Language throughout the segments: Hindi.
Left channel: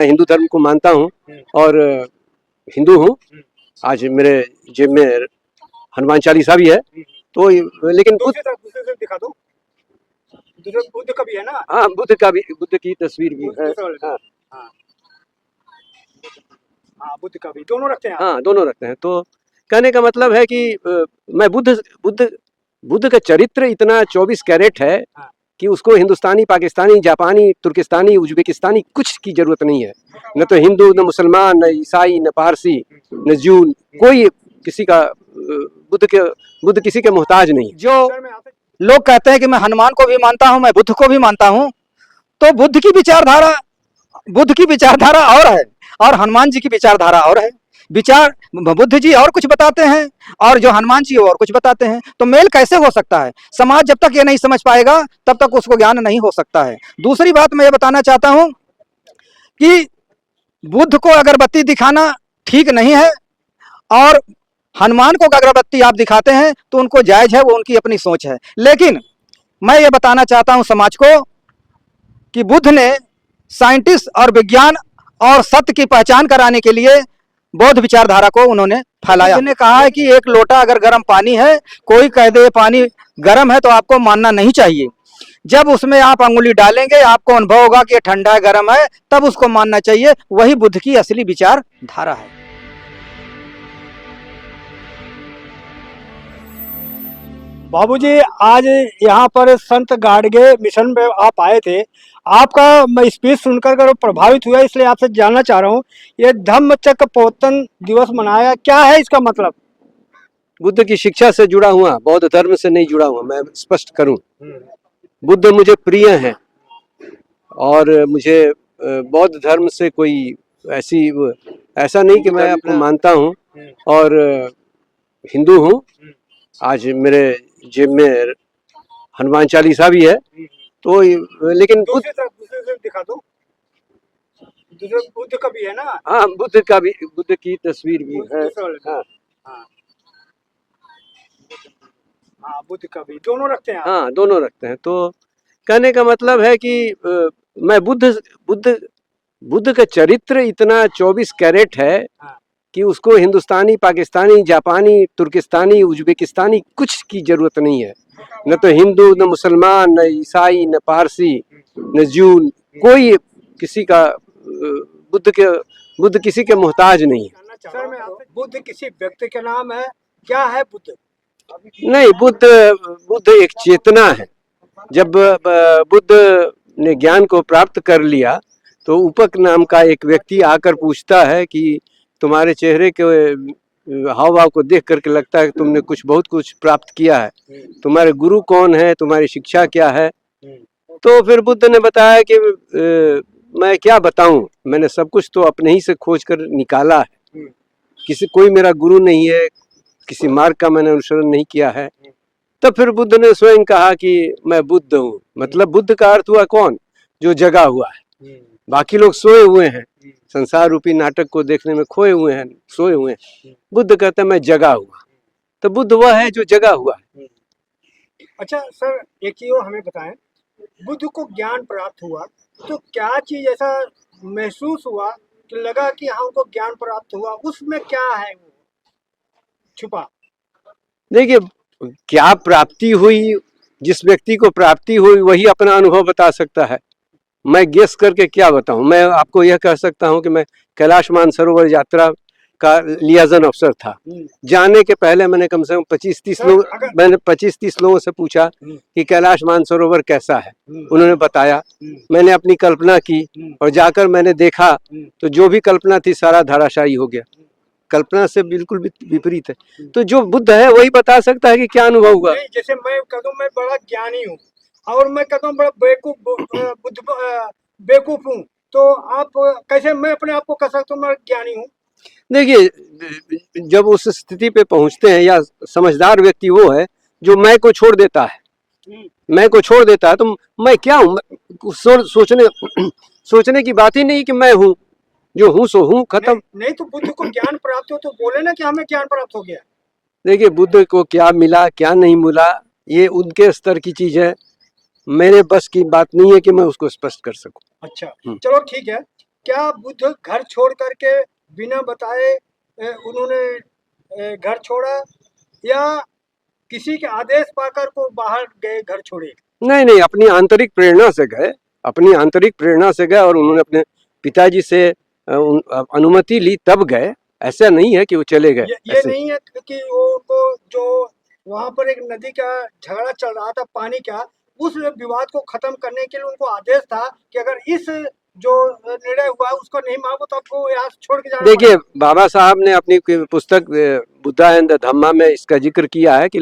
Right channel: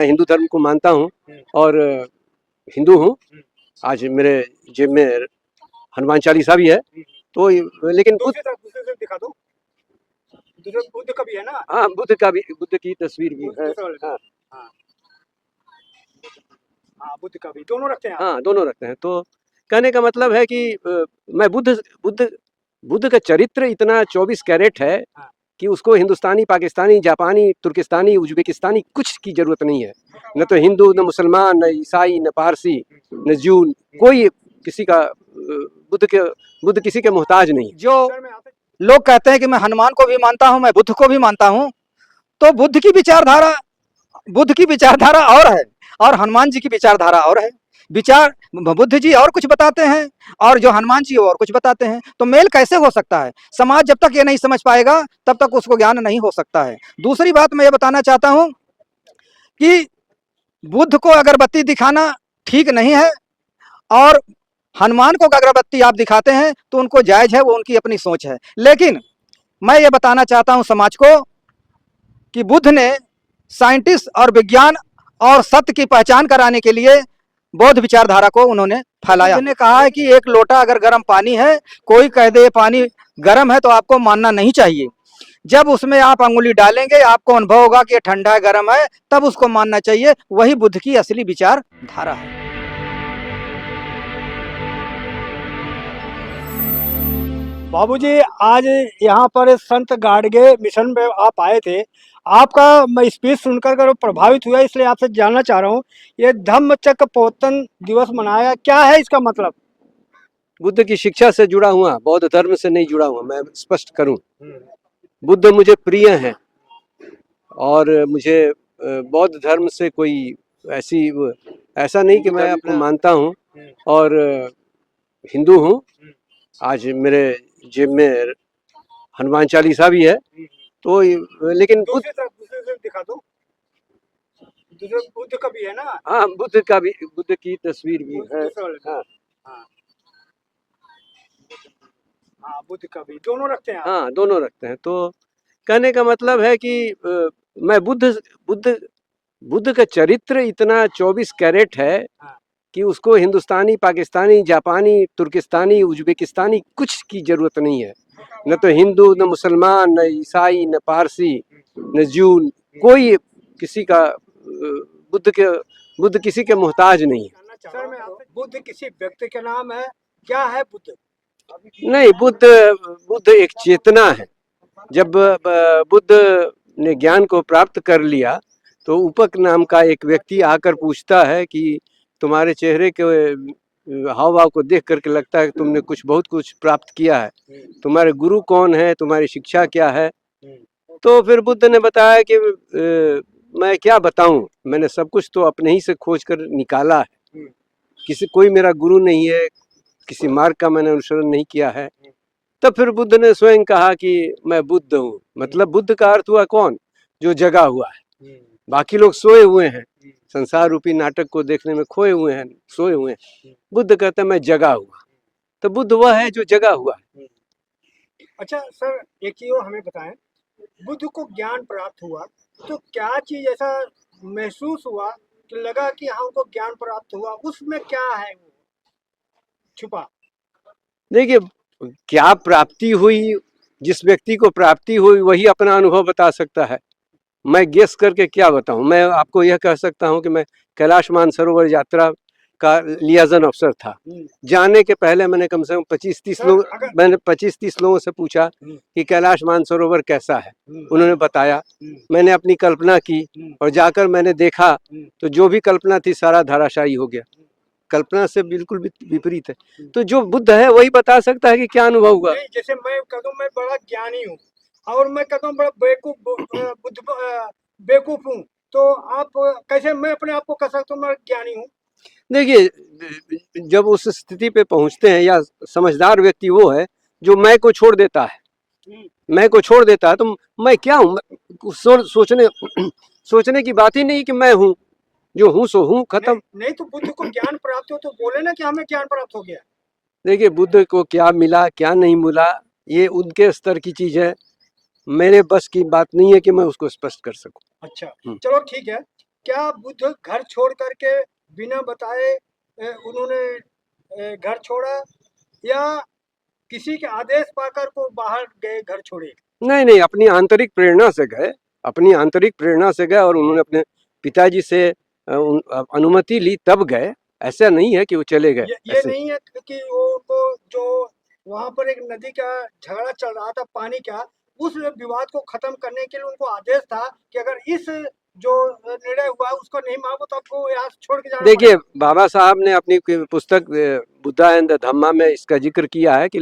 मैं हिंदू धर्म को मानता हूँ और हिंदू हूँ। आज मेरे जेब में हनुमान चालीसा भी है। तो लेकिन दिखा दो, बुद्ध का भी है ना? हाँ, बुद्ध का भी, बुद्ध की तस्वीर भी है। हाँ हाँ, बुद्ध का भी, दोनों रखते हैं? हाँ, दोनों रखते हैं। तो कहने का मतलब है कि मैं बुद्ध का चरित्र इतना 24 कैरेट है कि उसको हिंदुस्तानी, पाकिस्तानी, जापानी, तुर्किस्तानी, उज्बेकिस्तानी कुछ की जरूरत नहीं है। न तो हिंदू, न मुसलमान, न ईसाई, न पारसी, न जून, कोई किसी का बुद्ध किसी के मोहताज नहीं। जो लोग कहते हैं कि मैं हनुमान को भी मानता हूँ, मैं बुद्ध को भी मानता हूँ, तो बुद्ध की विचारधारा और है और हनुमान जी की विचारधारा और है। विचार बुद्ध जी और कुछ बताते हैं और जो हनुमान जी और कुछ बताते हैं, तो मेल कैसे हो सकता है? समाज जब तक ये नहीं समझ पाएगा तब तक उसको ज्ञान नहीं हो सकता है। दूसरी बात मैं ये बताना चाहता हूँ कि बुद्ध को अगरबत्ती दिखाना ठीक नहीं है और हनुमान को अगरबत्ती आप दिखाते हैं तो उनको जायज है, वो उनकी अपनी सोच है। लेकिन मैं ये बताना चाहता हूँ समाज को कि बुद्ध ने साइंटिस्ट और विज्ञान और सत्य की पहचान कराने के लिए बौद्ध विचारधारा को उन्होंने फैलाया। उन्होंने कहा है कि एक लोटा अगर गर्म पानी है, कोई कह दे पानी गर्म है तो आपको मानना नहीं चाहिए। जब उसमें आप अंगुली डालेंगे, आपको अनुभव होगा कि ये ठंडा है, गर्म है, तब उसको मानना चाहिए। वही बुद्ध की असली विचारधारा है। बाबूजी, आज यहाँ पर संत गाडगे मिशन पे आप आए थे। आपका स्पीच सुनकर प्रभावित हुआ, इसलिए आपसे जानना चाह रहा हूँ, ये धम्मचक्र प्रवर्तन दिवस मनाया, क्या है इसका मतलब? बुद्ध की शिक्षा से जुड़ा हुआ, बौद्ध धर्म से नहीं जुड़ा हुआ। मैं स्पष्ट करूं, बुद्ध मुझे प्रिय हैं और मुझे बौद्ध धर्म से कोई ऐसा नहीं कि मैं आपको मानता हूं और हिंदू हूं। आज मेरे जेब में हनुमान चालीसा भी है। तो लेकिन दिखा दो, बुद्ध का भी है ना? हाँ, बुद्ध का भी, बुद्ध की तस्वीर भी है। हाँ हाँ, बुद्ध का भी, दोनों रखते हैं? हाँ, दोनों रखते हैं। तो कहने का मतलब है कि मैं बुद्ध का चरित्र इतना 24 कैरेट है कि उसको हिंदुस्तानी, पाकिस्तानी, जापानी, तुर्किस्तानी, उज्बेकिस्तानी कुछ की जरूरत नहीं है। न तो हिंदू, न मुसलमान, न ईसाई, न पारसी, न जून, कोई किसी का बुद्ध किसी के मोहताज नहीं है। सर, मैं बुद्ध किसी व्यक्ति का नाम है? क्या है बुद्ध? नहीं, बुद्ध एक चेतना है। जब बुद्ध ने ज्ञान को प्राप्त कर लिया तो उपक नाम का एक व्यक्ति आकर पूछता है कि तुम्हारे चेहरे के हाव भाव को देख करके लगता है कि तुमने बहुत कुछ प्राप्त किया है। तुम्हारे गुरु कौन है, तुम्हारी शिक्षा क्या है? तो फिर बुद्ध ने बताया कि मैं क्या बताऊं, मैंने सब कुछ तो अपने ही से खोज कर निकाला है। कोई मेरा गुरु नहीं है, किसी मार्ग का मैंने अनुसरण नहीं किया है। तब फिर बुद्ध ने स्वयं कहा कि मैं बुद्ध हूँ। मतलब बुद्ध का अर्थ हुआ कौन? जो जगा हुआ है। बाकी लोग सोए हुए हैं, संसार रूपी नाटक को देखने में खोए हुए हैं, सोए हुए हैं। बुद्ध कहता है मैं जगा हुआ। तो बुद्ध वह है जो जगा हुआ है। अच्छा सर, एक चीज और हमें बताएं, बुद्ध को ज्ञान प्राप्त हुआ तो क्या चीज ऐसा महसूस हुआ कि लगा कि हमको ज्ञान प्राप्त हुआ? उसमें क्या है वो छुपा? देखिए, क्या प्राप्ति हुई, जिस व्यक्ति को प्राप्ति हुई वही अपना अनुभव बता सकता है। मैं गेस करके क्या बताऊं? मैं आपको यह कह सकता हूं कि मैं कैलाश मानसरोवर यात्रा का लियाजन अफसर था। जाने के पहले मैंने कम से कम 25-30 लोगों से पूछा कि कैलाश मानसरोवर कैसा है। उन्होंने बताया, मैंने अपनी कल्पना की और जाकर मैंने देखा तो जो भी कल्पना थी सारा धराशायी हो गया। कल्पना से बिल्कुल विपरीत है। तो जो बुद्ध है वही बता सकता है कि क्या अनुभव हुआ। जैसे मैं कहूँ मैं बड़ा ज्ञानी हूँ और मैं कहता हूँ बड़ा बेवकूफ हूँ, तो आप कैसे, मैं अपने आप को कह सकता हूँ मैं ज्ञानी हूँ? देखिए, जब उस स्थिति पे पहुंचते हैं, या समझदार व्यक्ति वो है जो मैं को छोड़ देता है। मैं को छोड़ देता है तो मैं क्या हूँ? सोचने की बात ही नहीं कि मैं हूँ, जो हूँ सो हूँ, खत्म। नहीं तो बुद्ध को ज्ञान प्राप्त हो तो बोले ना कि हमें ज्ञान प्राप्त हो गया। देखिए, बुद्ध को क्या मिला क्या नहीं मिला ये उनके स्तर की चीज है, मेरे बस की बात नहीं है कि मैं उसको स्पष्ट कर सकूं। अच्छा, चलो ठीक है। क्या बुद्ध घर छोड़ करके बिना बताए उन्होंने घर छोड़ा, या किसी के आदेश पाकर को बाहर गए, घर छोड़े? नहीं नहीं, अपनी आंतरिक प्रेरणा से गए, अपनी आंतरिक प्रेरणा से गए और उन्होंने अपने पिताजी से अनुमति ली तब गए। ऐसा नहीं है कि वो चले गए ये ऐसे। नहीं है कि वो उनको जो वहां पर एक नदी का झगड़ा चल रहा था पानी का, उस विवाद को खत्म करने के लिए उनको आदेश था कि अगर इस जो निर्णय हुआ है उसको नहीं मांगो तो आपको यहाँ से छोड़ के जाना देखिए, बाबा साहब ने अपनी पुस्तक बुद्धा एंड द धम्मा में इसका जिक्र किया है कि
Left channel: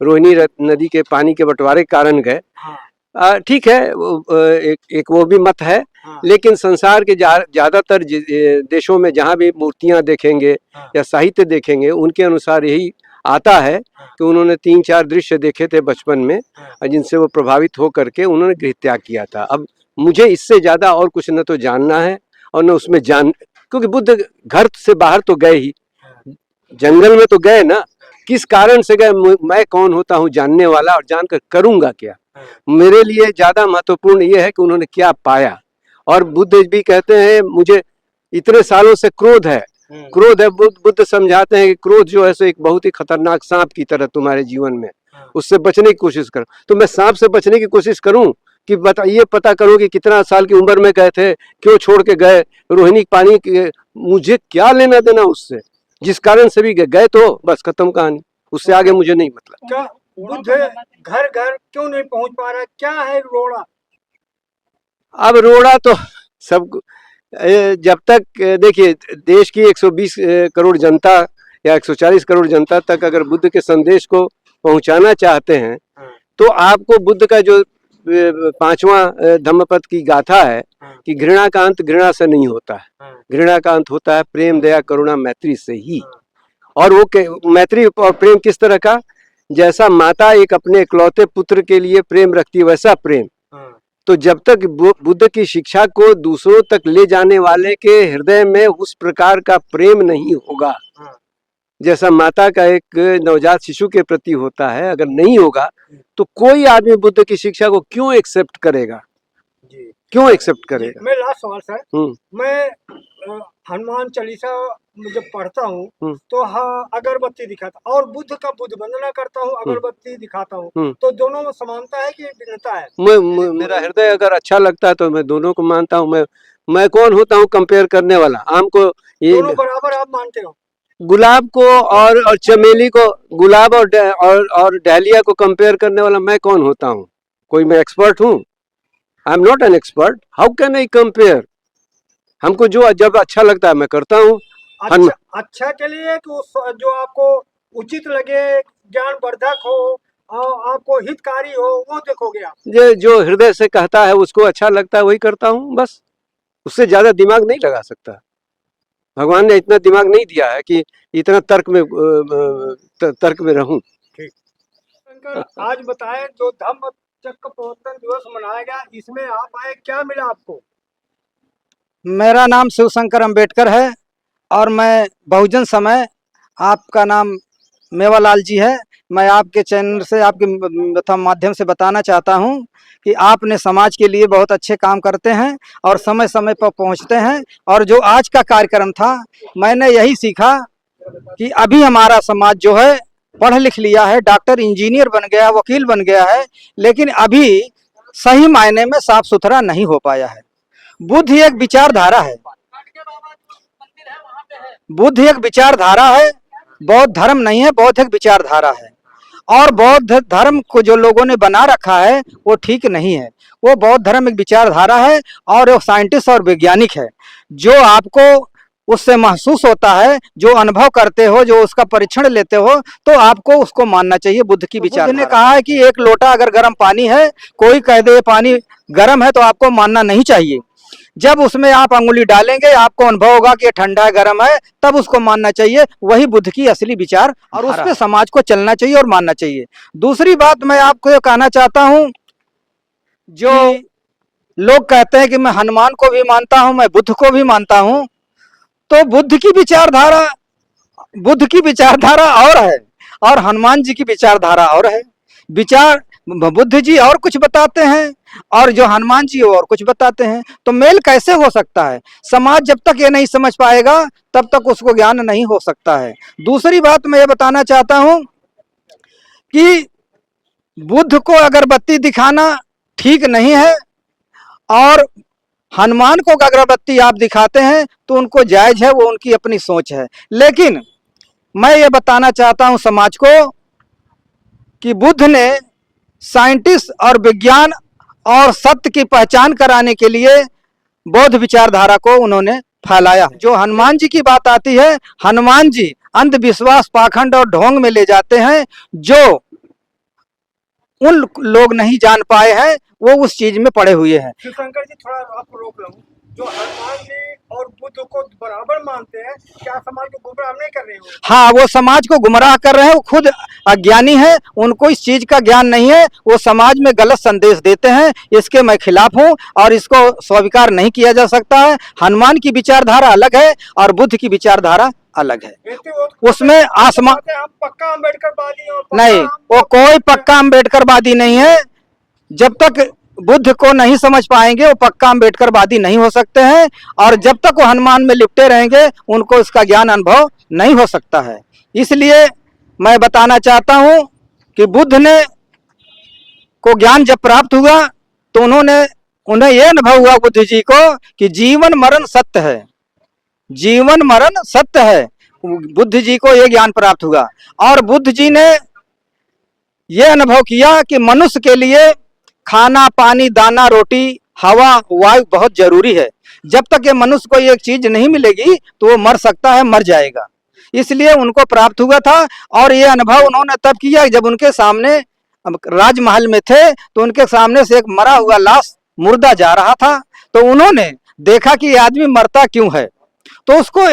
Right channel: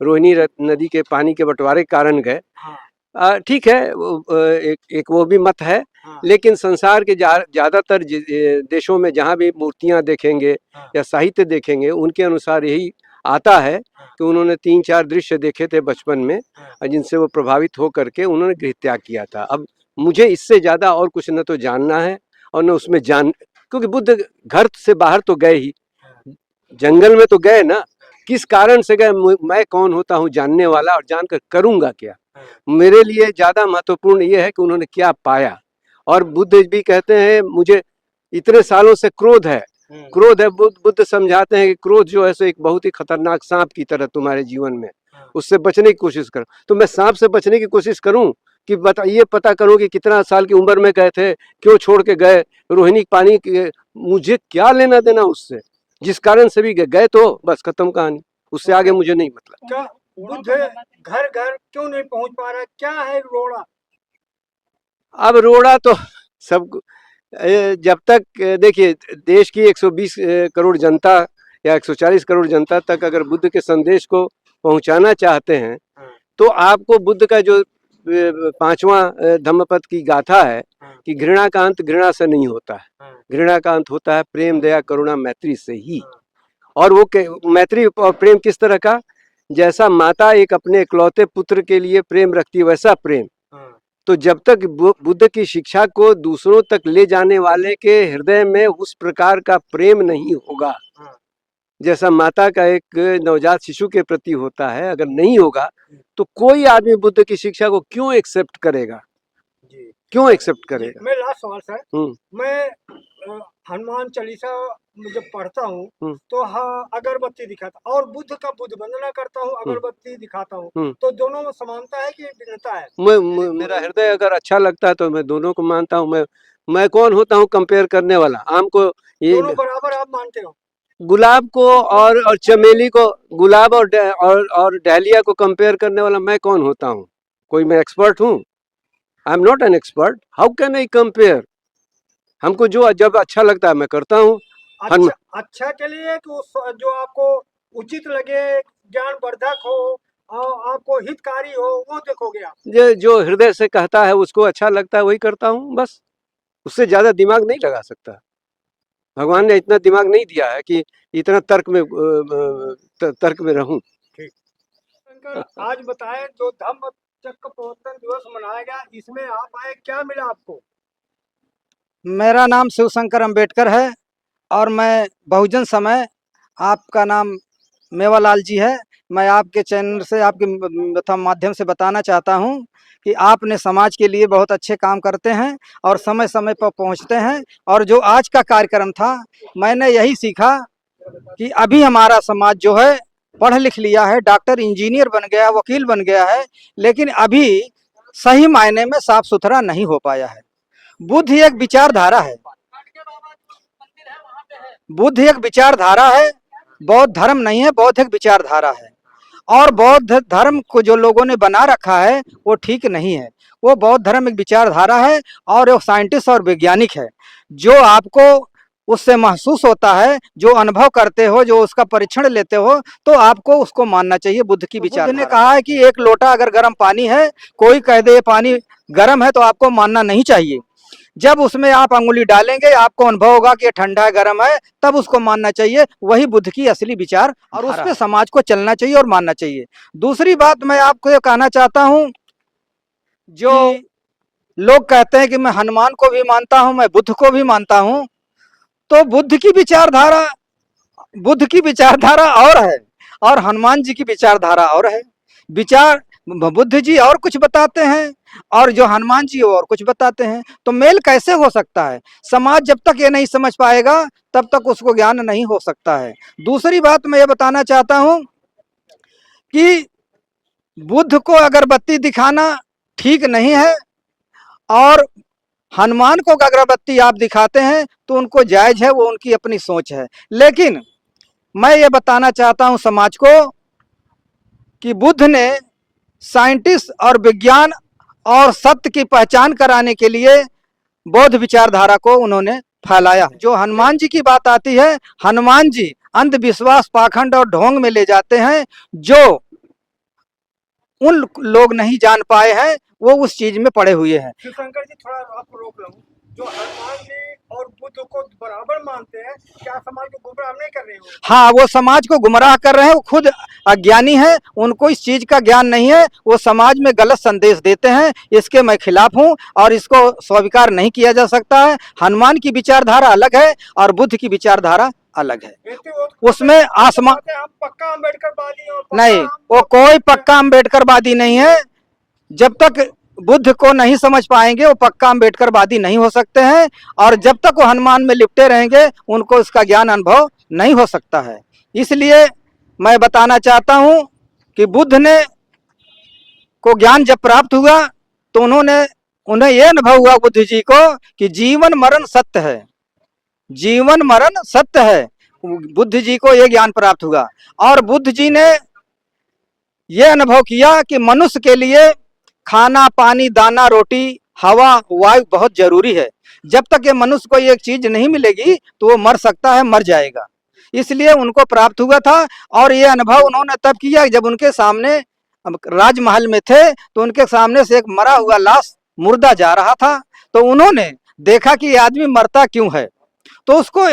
रोहिणी नदी के पानी के बंटवारे के कारण गए। हाँ, ठीक है, एक वो भी मत है। हाँ, लेकिन संसार के ज्यादातर देशों में जहाँ भी मूर्तियां देखेंगे हाँ, या साहित्य देखेंगे, उनके अनुसार यही आता है हाँ, कि उन्होंने 3-4 दृश्य देखे थे बचपन में, हाँ, जिनसे वो प्रभावित हो करके उन्होंने गृह त्याग किया था। अब मुझे इससे ज्यादा और कुछ न तो जानना है और न उसमें क्योंकि बुद्ध घर से बाहर तो गए ही, जंगल में तो गए ना, किस कारण से गए, मैं कौन होता हूँ जानने वाला, और जानकर करूंगा क्या। मेरे लिए ज्यादा महत्वपूर्ण ये है कि उन्होंने क्या पाया। और बुद्ध भी कहते हैं मुझे इतने सालों से क्रोध है, क्रोध है। बुद्ध समझाते हैं कि क्रोध जो है सो एक बहुत ही खतरनाक सांप की तरह तुम्हारे जीवन में, उससे बचने की कोशिश करो। तो मैं सांप से बचने की कोशिश करूं कि ये पता करो कि कितना साल की उम्र में गए थे, क्यों छोड़ के गए रोहिणी पानी के, मुझे क्या लेना देना उससे, जिस कारण से भी गए तो बस खत्म कहानी, उससे आगे मुझे नहीं मतलब। क्या बुद्ध घर घर क्यों नहीं पहुंच पा रहा, क्या है रोड़ा? अब रोड़ा तो सब जब तक देखिए देश की 120 करोड़ जनता या 140 करोड़ जनता तक अगर बुद्ध के संदेश को पहुंचाना चाहते हैं, तो आपको बुद्ध का जो 5वां धम्मपद की गाथा है कि घृणा का अंत घृणा से नहीं होता है, घृणा का अंत होता है प्रेम दया करुणा मैत्री से ही। और वो मैत्री और प्रेम किस तरह का, जैसा माता एक अपने इकलौते पुत्र के लिए प्रेम रखती है वैसा प्रेम। तो जब तक बुद्ध की शिक्षा को दूसरों तक ले जाने वाले के हृदय में उस प्रकार का प्रेम नहीं होगा जैसा माता का एक नवजात शिशु के प्रति होता है, अगर नहीं होगा तो कोई आदमी बुद्ध की शिक्षा को क्यों एक्सेप्ट करेगा, क्यों एक्सेप्ट करेगा। मैं लास्ट सवाल सर, मैं हनुमान चालीसा जब पढ़ता हूँ तो हाँ अगरबत्ती दिखाता, और बुद्ध का बुद्ध वंदना करता हूँ, अगरबत्ती दिखाता हूँ, तो दोनों में समानता है कि भिन्नता है? मेरा हृदय अगर अच्छा लगता है तो मैं दोनों को मानता हूँ। मैं कौन होता हूँ कंपेयर करने वाला। आम को ये दोनों बराबर आप मानते हो? गुलाब को और चमेली को, गुलाब और डहलिया को कंपेयर करने वाला मैं कौन होता हूँ? कोई मैं एक्सपर्ट हूँ? I am not an expert, how can I compare. हमको जो जब अच्छा लगता है मैं करता हूँ। अच्छा के लिए कि जो आपको उचित लगे, ज्ञानवर्धक हो और आपको हितकारी हो, वो देखोगे आप? जो हृदय से कहता है उसको अच्छा लगता है वही करता हूँ बस, उससे ज्यादा दिमाग नहीं लगा सकता। भगवान ने इतना दिमाग नहीं दिया है कि इतना तर्क में रहूं। आज बताएं जो धम्म चक्र प्रवर्तन दिवस मनाया गया, इसमें आप आए, क्या मिला आपको? मेरा नाम शिवशंकर अंबेडकर है और मैं बहुजन समय, आपका नाम मेवालाल जी है। मैं आपके चैनल से, आपके माध्यम से बताना चाहता हूं कि आपने समाज के लिए बहुत अच्छे काम करते हैं और समय समय पर पहुंचते हैं। और जो आज का कार्यक्रम था, मैंने यही सीखा कि अभी हमारा समाज जो है पढ़ लिख लिया है, डॉक्टर इंजीनियर बन गया, वकील बन गया है, लेकिन अभी सही मायने में साफ सुथरा नहीं हो पाया है। बुद्ध एक विचारधारा है, बुद्ध एक विचारधारा है, बौद्ध धर्म नहीं है, बौद्ध एक विचारधारा है। और बौद्ध धर्म को जो लोगों ने बना रखा है वो ठीक नहीं है। वो बौद्ध धर्म एक विचारधारा है और वो साइंटिस्ट और वैज्ञानिक है। जो आपको उससे महसूस होता है, जो अनुभव करते हो, जो उसका परीक्षण लेते हो, तो आपको उसको मानना चाहिए बुद्ध की विचारधारा। बुद्ध ने कहा है कि एक लोटा अगर गर्म पानी है, कोई कह दे पानी गर्म है, तो आपको मानना नहीं चाहिए। जब उसमें आप अंगुली डालेंगे, आपको अनुभव होगा कि ये ठंडा है, गर्म है, तब उसको मानना चाहिए। वही बुद्ध की असली विचार, और उस पे समाज को चलना चाहिए और मानना चाहिए। दूसरी बात मैं आपको ये कहना चाहता हूँ, जो लोग कहते हैं कि मैं हनुमान को भी मानता हूँ, मैं बुद्ध को भी मानता हूँ, तो बुद्ध की विचारधारा और है और हनुमान जी की विचारधारा और है। विचार बुद्ध जी और कुछ बताते हैं और जो हनुमान जी और कुछ बताते हैं, तो मेल कैसे हो सकता है? समाज जब तक ये नहीं समझ पाएगा तब तक उसको ज्ञान नहीं हो सकता है। दूसरी बात मैं ये बताना चाहता हूं कि बुद्ध को अगरबत्ती दिखाना ठीक नहीं है, और हनुमान को अगरबत्ती आप दिखाते हैं तो उनको जायज है, वो उनकी अपनी सोच है। लेकिन मैं ये बताना चाहता हूं समाज को कि बुद्ध ने साइंटिस्ट और विज्ञान और सत्य की पहचान कराने के लिए बौद्ध विचारधारा को उन्होंने फैलाया। जो हनुमान जी की बात आती है, हनुमान जी अंधविश्वास, पाखंड और ढोंग में ले जाते हैं, जो उन लोग नहीं जान पाए हैं, वो उस चीज में पड़े हुए हैं। शिवशंकर जी, थोड़ा आपको रोक रहा हूँ। जो हनुमान जी और बुद्ध को बराबर मानते हैं, क्या समाज को गुमराह नहीं कर रहे हो? हाँ, वो समाज को गुमराह कर रहे हैं, वो खुद अज्ञानी है, उनको इस चीज का ज्ञान नहीं है, वो समाज में गलत संदेश देते हैं। इसके मैं खिलाफ हूँ और इसको स्वीकार नहीं किया जा सकता है। हनुमान की विचारधारा अलग है और बुद्ध की विचारधारा अलग है। उसमें आसमान हम पक्का अम्बेडकरवादी हो, नहीं, वो कोई पक्का अम्बेडकरवादी नहीं है। जब तक बुद्ध को नहीं समझ पाएंगे वो पक्का अम्बेडकरवादी नहीं हो सकते हैं, और जब तक वो हनुमान में लिपटे रहेंगे उनको इसका ज्ञान अनुभव नहीं हो सकता है। इसलिए मैं बताना चाहता हूं कि बुद्ध ने को ज्ञान जब प्राप्त हुआ तो उन्हें यह अनुभव हुआ बुद्ध जी को कि जीवन मरण सत्य है, जीवन मरण सत्य है। बुद्ध जी को यह ज्ञान प्राप्त हुआ और बुद्ध जी ने यह अनुभव किया कि मनुष्य के लिए खाना, पानी, दाना, रोटी, हवा, वायु बहुत जरूरी है। जब तक ये मनुष्य को एक चीज नहीं मिलेगी तो वो मर सकता है, मर जाएगा। इसलिए उनको प्राप्त हुआ था और ये अनुभव उन्होंने तब किया जब उनके सामने राजमहल में थे तो उनके सामने से एक मरा हुआ लाश, मुर्दा जा रहा था। तो उन्होंने देखा कि ये आदमी मरता क्यों है, तो उसको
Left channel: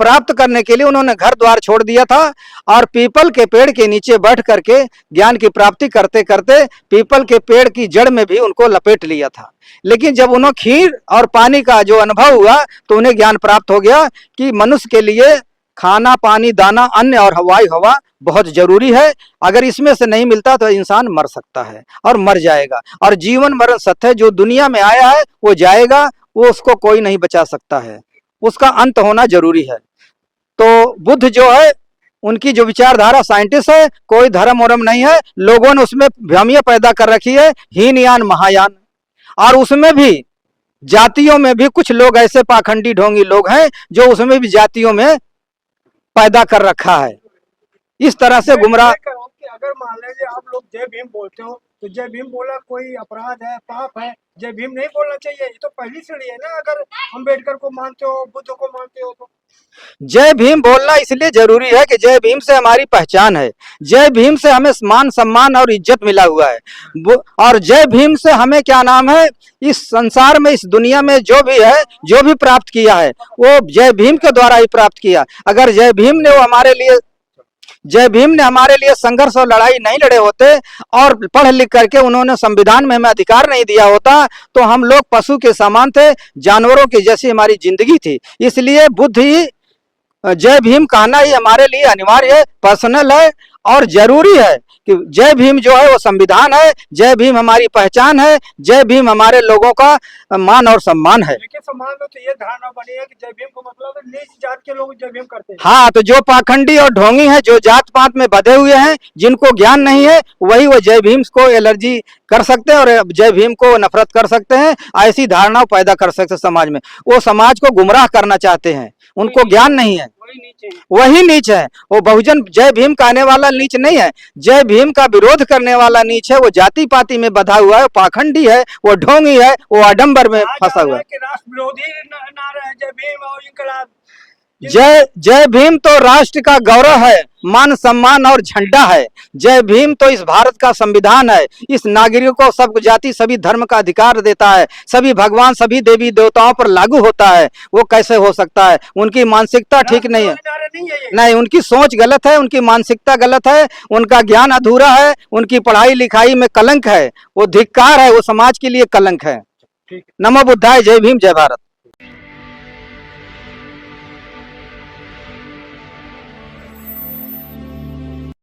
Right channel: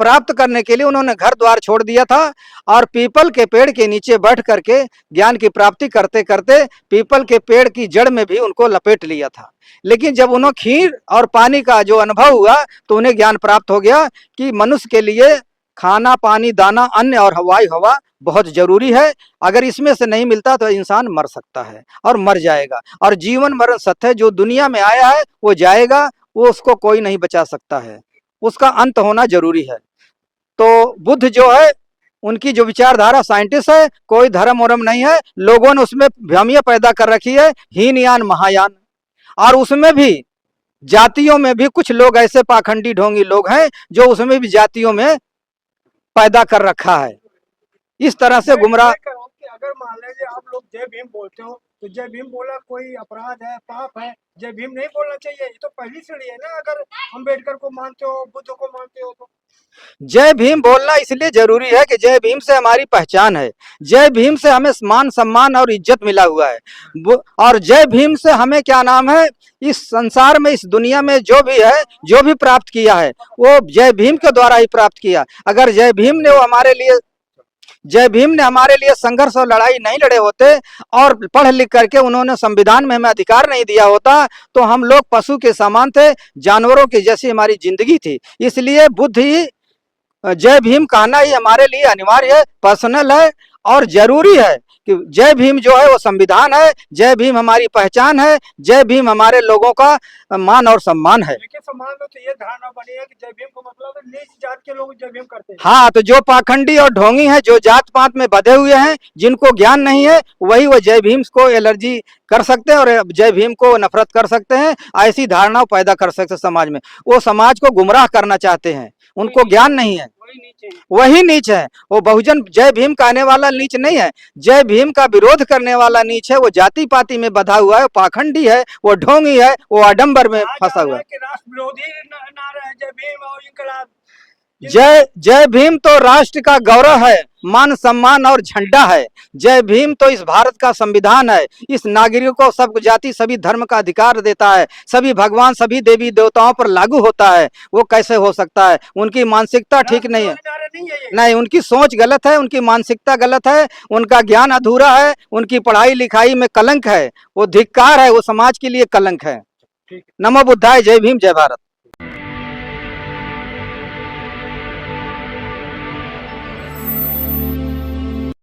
प्राप्त करने के लिए उन्होंने घर द्वार छोड़ दिया था और पीपल के पेड़ के नीचे बैठ करके ज्ञान की प्राप्ति करते करते पीपल के पेड़ की जड़ में भी उनको लपेट लिया था। लेकिन जब उन्हें खीर और पानी का जो अनुभव हुआ तो उन्हें ज्ञान प्राप्त हो गया कि मनुष्य के लिए खाना, पानी, दाना, अन्न और हवाई हवा बहुत जरूरी है। अगर इसमें से नहीं मिलता तो इंसान मर सकता है और मर जाएगा। और जीवन मरण सत्य है, जो दुनिया में आया है वो जाएगा, वो उसको कोई नहीं बचा सकता है, उसका अंत होना जरूरी है। तो बुद्ध जो है उनकी जो विचारधारा साइंटिस्ट है, कोई धर्म वरम नहीं है। लोगों ने उसमें भ्रमियां पैदा कर रखी है, हीनयान महायान, और उसमें भी जातियों में भी कुछ लोग ऐसे पाखंडी ढोंगी लोग हैं जो उसमें भी जातियों में पैदा कर रखा है। इस तरह से गुमराह। अगर मान लीजिए आप लोग जय भीम बोलते हो तो जय भीम बोला कोई अपराध है, पाप है, जय भीम नहीं बोलना चाहिए? ये तो पहली सीढ़ी है ना। अगर अम्बेडकर को मानते हो, बुद्ध को मानते हो तो जय भीम बोलना इसलिए जरूरी है कि जय भीम से हमारी पहचान है, जय भीम से हमें मान सम्मान और इज्जत मिला हुआ है, और जय भीम से हमें क्या नाम है, इस संसार में, इस दुनिया में जो भी है, जो भी प्राप्त किया है वो जय भीम के द्वारा ही प्राप्त किया। अगर जय भीम ने हमारे लिए संघर्ष और लड़ाई नहीं लड़े होते और पढ़ लिख करके उन्होंने संविधान में हमें अधिकार नहीं दिया होता तो हम लोग पशु के समान थे, जानवरों की जैसी हमारी जिंदगी थी। इसलिए बुद्ध ही जय भीम कहना ही हमारे लिए अनिवार्य है, पर्सनल है और जरूरी है कि जय भीम जो है वो संविधान है, जय भीम हमारी पहचान है, जय भीम हमारे लोगों का मान और सम्मान है। लेकिन समाज में तो ये धारणा बनी है कि जय भीम को मतलब नीच जात के लोग जय भीम करते हैं। हाँ, तो जो पाखंडी और ढोंगी हैं, जो जात पात में बधे हुए हैं, जिनको ज्ञान नहीं है, वही वो जय भीम को एलर्जी कर सकते हैं और जय भीम को नफरत कर सकते हैं, ऐसी धारणा पैदा कर सकते हैं समाज में। वो समाज को गुमराह करना चाहते हैं, उनको ज्ञान नहीं है, वही नीच है। वो बहुजन जय भीम कहने वाला नीच नहीं है, जय भीम का विरोध करने वाला नीच है। वो जाति पाति में बधा हुआ है, पाखंडी है, वो ढोंगी है, वो आडंबर में फंसा हुआ है। राष्ट्र विरोधी नारा है जय भीम और इनकलाब। जय भीम तो राष्ट्र का गौरव है, मान सम्मान और झंडा है। जय भीम तो इस भारत का संविधान है, इस नागरिकों को सब जाति सभी धर्म का अधिकार देता है, सभी भगवान सभी देवी देवताओं पर लागू होता है। वो कैसे हो सकता है? उनकी मानसिकता ठीक नहीं है, नहीं, उनकी सोच गलत है, उनकी मानसिकता गलत है, उनका ज्ञान अधूरा है, उनकी पढ़ाई लिखाई में कलंक है, वो धिक्कार है, वो समाज के लिए कलंक है। नमो बुद्धाय, जय भीम, जय भारत।